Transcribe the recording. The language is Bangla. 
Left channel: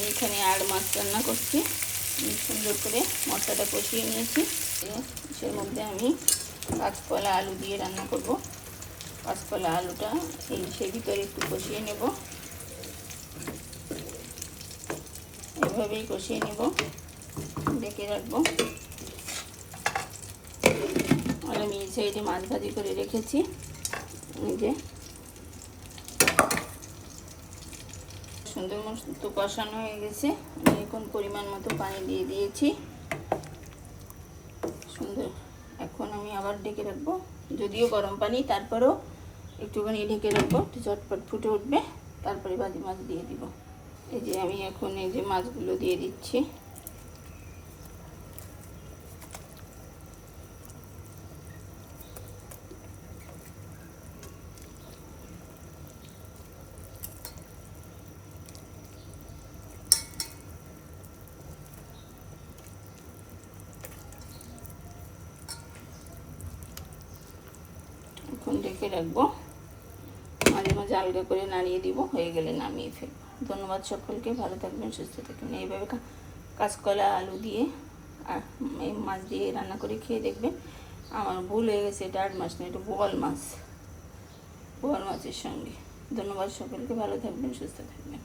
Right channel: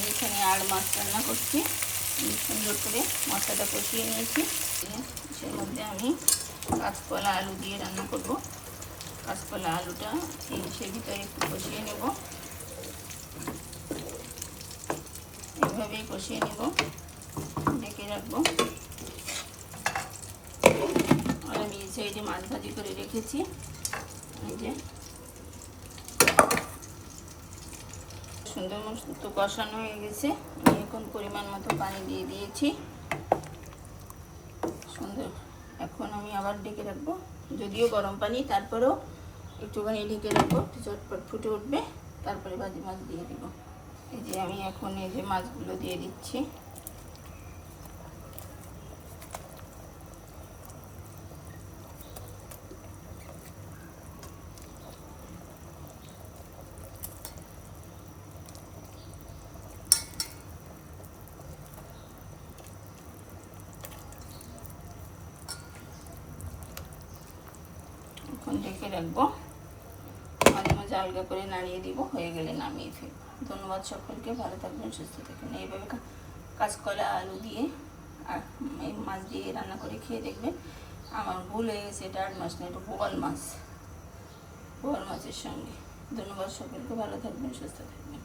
আমি এখানে আর মাছ রান্না করছি। সুন্দর করে মশলাটা কষিয়ে নিয়েছি। সের মধ্যে আমি কাঁচকলা আলু দিয়ে রান্না করব। কাঁচকলা আলুটা ইলিশের ভিতরে একটু কষিয়ে নেব, এভাবেই কষিয়ে নেব, ঢেকে রাখবো। আর আমি এই সাইডে মাছ ভাজি করে রেখেছি। এই যে সুন্দর মতো কষানো হয়ে গেছে। আমি এখন পরিমাণ মতো পানি দিয়ে দিয়েছি। সুন্দর, এখন আমি আবার ঢেকে রাখবো। যদিও গরম পানি, তারপরেও একটুখানি ঢেকে রাখবো, একটু চটপট ফুটে উঠবে, তারপরে ভাজি মাছ দিয়ে দিব। এই যে আমি এখন এই যে মাছগুলো দিয়ে দিচ্ছি। এখন ঢেকে রাখবো, মাঝে মাঝে আলগা করে নাড়িয়ে দিব, হয়ে গেলে নামিয়ে ফেলবো। ধন্যবাদ সকলকে, ভালো থাকবেন, সুস্থ থাকবেন। এইভাবে কাঁচকলা আলু দিয়ে আর এই মাছ দিয়ে রান্না করে খেয়ে দেখবেন। আমার ভুল হয়ে গেছে, এটা 8 মাছ না, এটা বোয়াল মাছ, বোয়াল মাছের সঙ্গে। ধন্যবাদ সকলকে, ভালো থাকবেন, সুস্থ থাকবেন।